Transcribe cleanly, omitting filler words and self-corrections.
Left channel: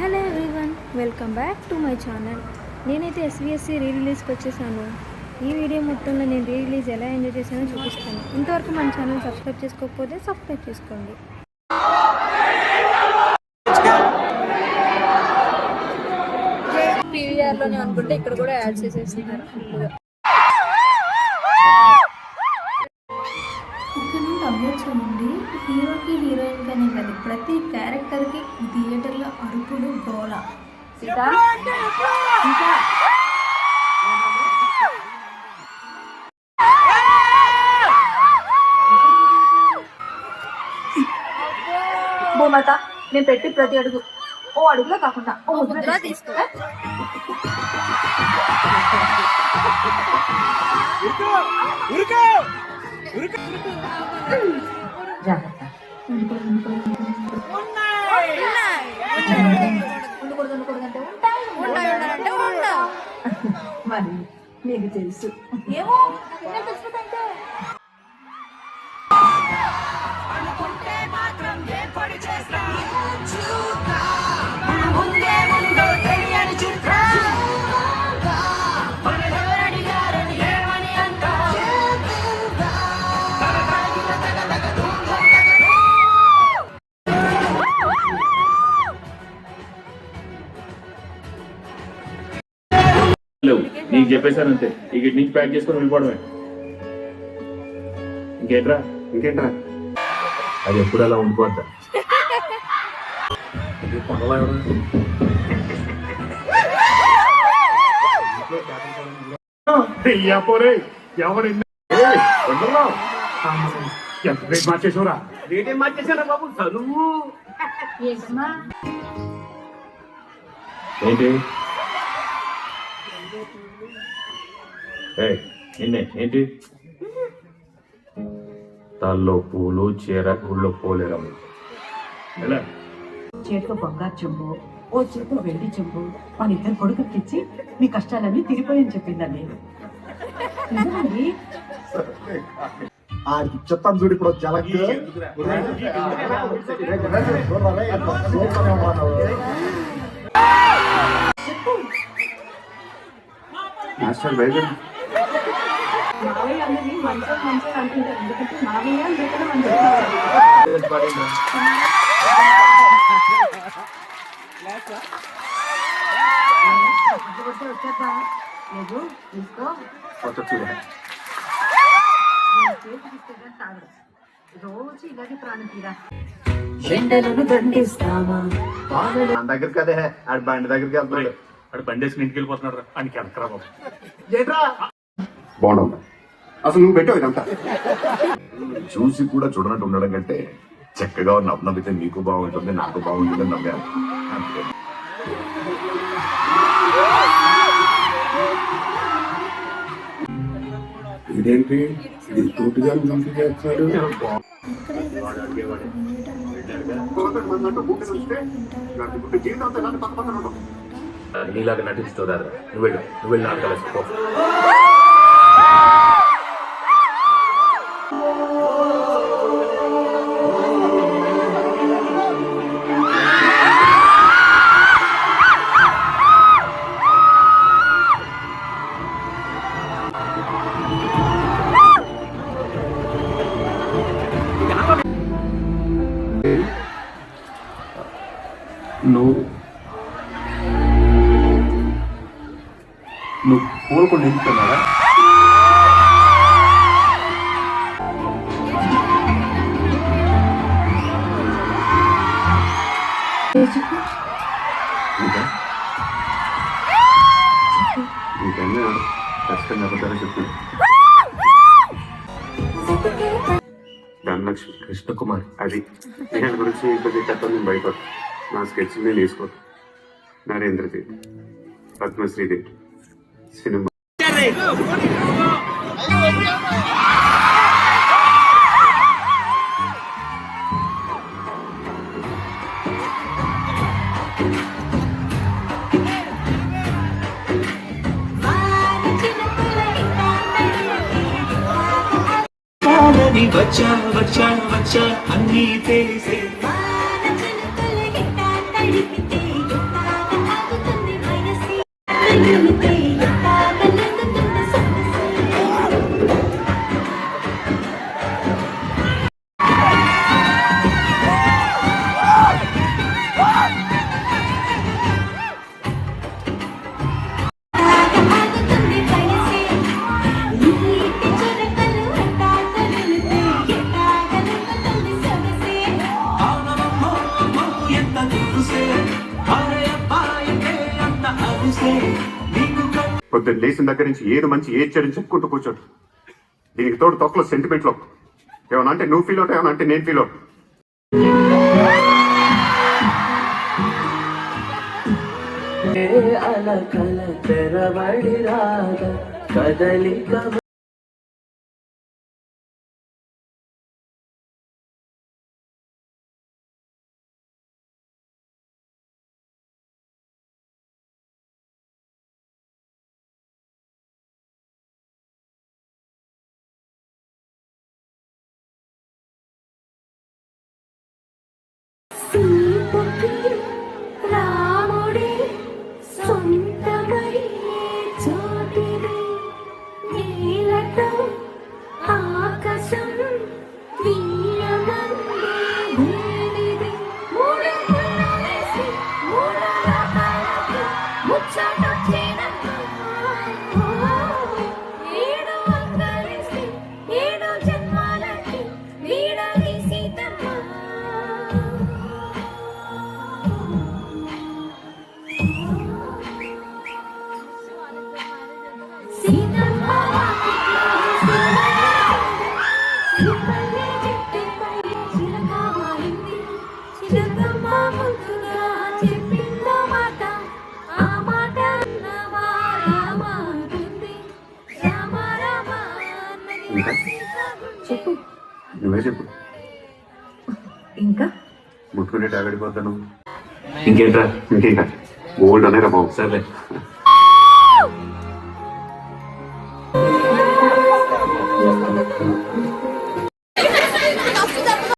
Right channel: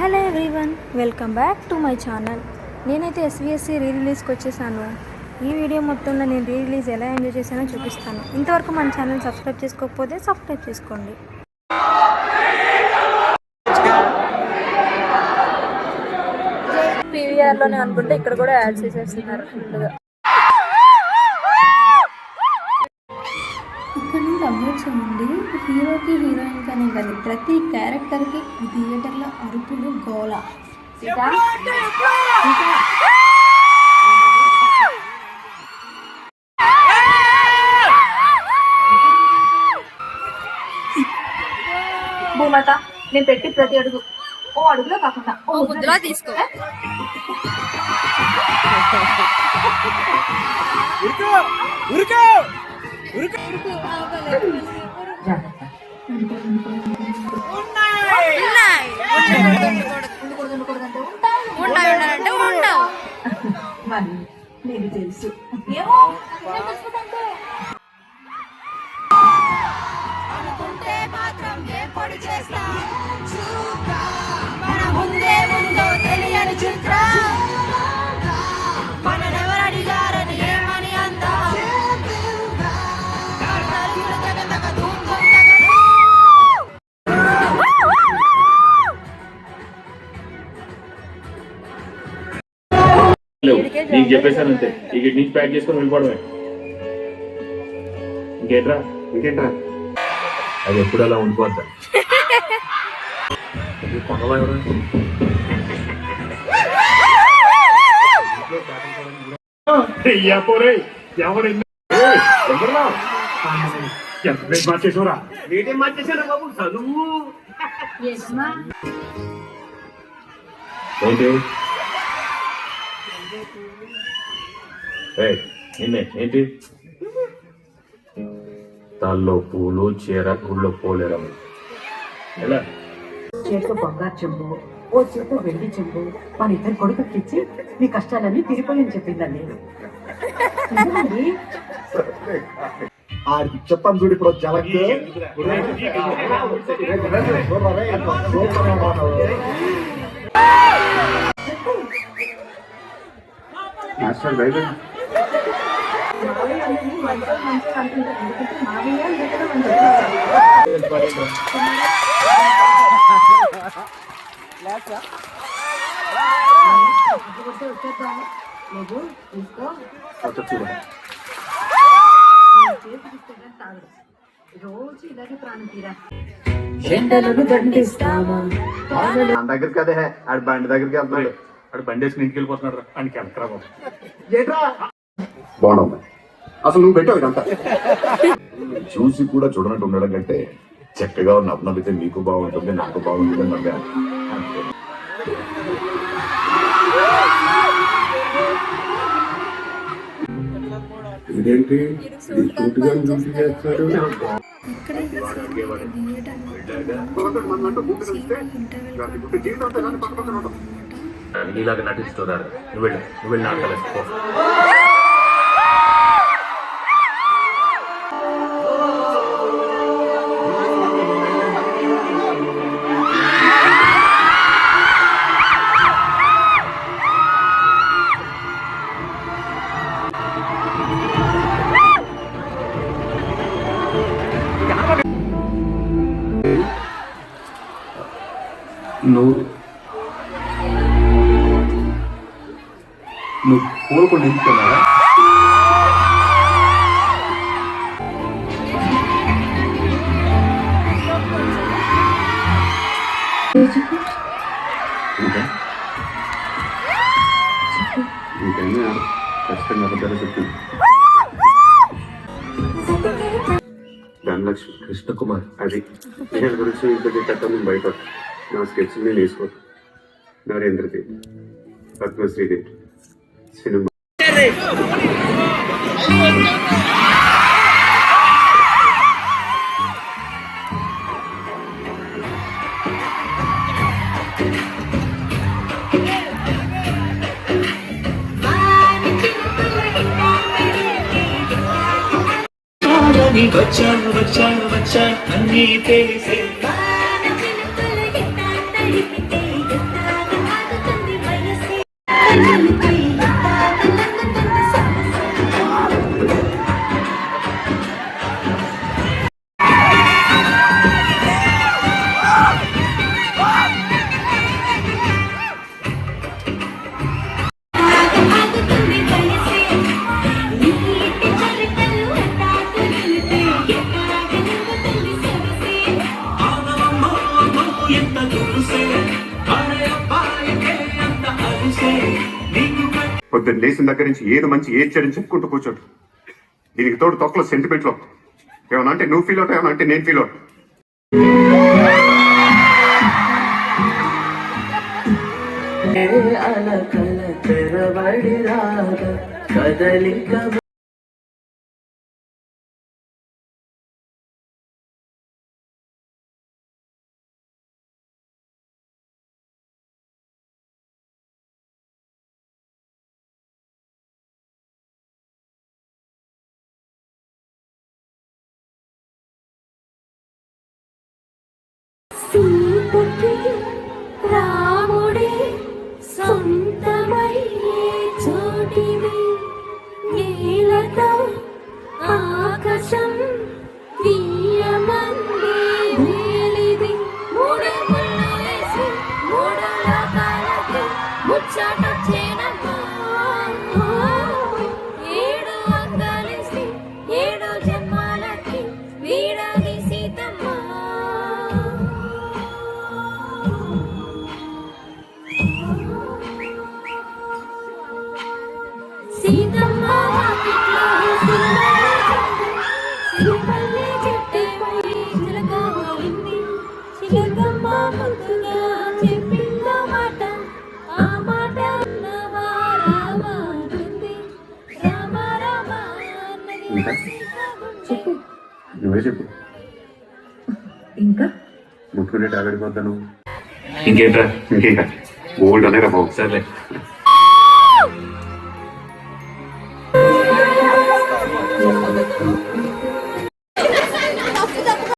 Hello everyone, welcome back to my channel. నేనైతే SVSC రీ రిలీజ్కి వచ్చేసాను. ఈ వీడియో మొత్తంలో నేను రీ రిలీజ్ ఎలా ఎంజాయ్ చేశానో చూపిస్తాను. ఇంతవరకు మన ఛానల్ సబ్స్క్రైబ్ చేసుకోకపోతే సబ్స్క్రైబ్ చేసుకోండి. పీవీఆర్లోనే అనుకుంటే ఇక్కడ కూడా యాడ్ చేసేస్తున్నారు ఫుల్గా. ఇక్కడ నుండి అప్డేట్స్ ఉంది. హీరోకి హీరోయిన్ కానీ కాదు, ప్రతి క్యారెక్టర్కి థియేటర్లో అరుపులు గోల. ఇంకా భూమత నేను పెట్టి ప్రతి అడుగు ఓ అడుగులో కాకుండా ఓ ముద్రలో తీసుకో. మరి నీకు తెలుసు ఏమో నీకు చెప్పేశాను అంతే. ఇక నుంచి ప్యాక్ చేసుకొని వెళ్ళిపోవడమే. ఇంకేంట్రా అది ఎప్పుడు అలా ఉండిపోద్దా? ఎంత మార్చేసారా? రేటేం మార్చేసారా బాబు? చదువు ఏంటి ఏంటి తాల్లో పూలు చీర గుళ్ళో పోలేరమ్మ. ఎలా చేతితో బంగారు చెంబు, ఓ చేతితో వెండి చెంబు మన ఇద్దరు కొడుకుకి ఇచ్చి మీ కష్టాలన్నీ తిరిగిపోయని చెప్పిందండి. నిజమండి. చెప్తాను చూడు ఇప్పుడు జలకి మాస్టర్ బైబిల్ మావయ్య అన్నది మంచిగా మంచిగా అంటుంటారు. ఎందుకంటే మావయ్య అంటే వచ్చేద్దా లేదు తీసుకో. రోజు ఇలాగే ప్రాణం తీరా. ఎండలను దండిస్తామా మన దగ్గరికి అదే ఆడి బండి దగ్గరికి వెళ్తున్నాడు. అక్కడ బండి వేసుకుని ఇంటికి వెళ్ళిపోతున్నాడు. ఆయనకి వెనకరా బాబు. బాగుండమ్మా, అసలు నువ్వు పెట్టావు ఇదంతా చూసి కూడా చూడనట్టు ఉండడం కంటే చక్కగా నవ్వితే నీకు బాగుంటుంది, నాకు బాగుంటుంది అని నవ్వాను అంతే. ఇదేంటి పూర్తిగా డ్యూటీ చేస్తున్నాడు? నీలాగా నటిస్తున్నారు. నువ్వు వెళ్ళి నాకు తెలుసుకో. నువ్వు పూలకుండా నింపుతున్నారా? నీకైనా ఖచ్చితంగా అబద్ధాలు చెప్తుంది. ధనలక్ష్మి కృష్ణకుమార్ అది నేను గురించి ఇంకొక తక్కువ నేను బయట నా స్కెచ్ నేను వేసుకోను. నరేంద్రదేవ్, పద్మశ్రీదేవి సినిమా వచ్చా అన్నీ తెలిసే పొద్దున్న లేచిన దగ్గర నుంచి ఏది మంచి ఏది చెడు చెప్పుకుంటూ కూర్చోడు. దీనికి తోడు తొక్కలో సెంటిమెంట్లో ఏమన్నా అంటే నువ్వు ఫీల్ అవుతావు, ఏమన్నా అంటే నేను ఫీల్ అవుతాను. అలకల తెరబడి రాగ కదలిక సీతకి రాముడే సొంతమయ్యే చోటిది, నీలతో ఆకాశం వీయమందే వేలిది, మూడు ముళ్ళేసి మూడు లోకాలకి ముచ్చటొచ్చేనమ్మా. ఏడు అంగలేసి ఏడు జన్మాలకి వీడది సీతమ్మ. సీతమ్మ వాకిట్లో సీతమ్మే చెట్టుపై చిలక వాలింది, చిలకమ్మ ముద్దుగా చెప్పిందో మాట, ఆ మాట అన్నవా రామ అంటుంది, రామ రామ అన్నది ఇంకా? చెప్పు నువ్వే చెప్పు. ఇంకా ముట్టుకునే టాగడిపోతాను. ఇంకేంట్రా? ఇంకేం కాదు, గోల్డ్ అనేరా బాబు. సర్లే.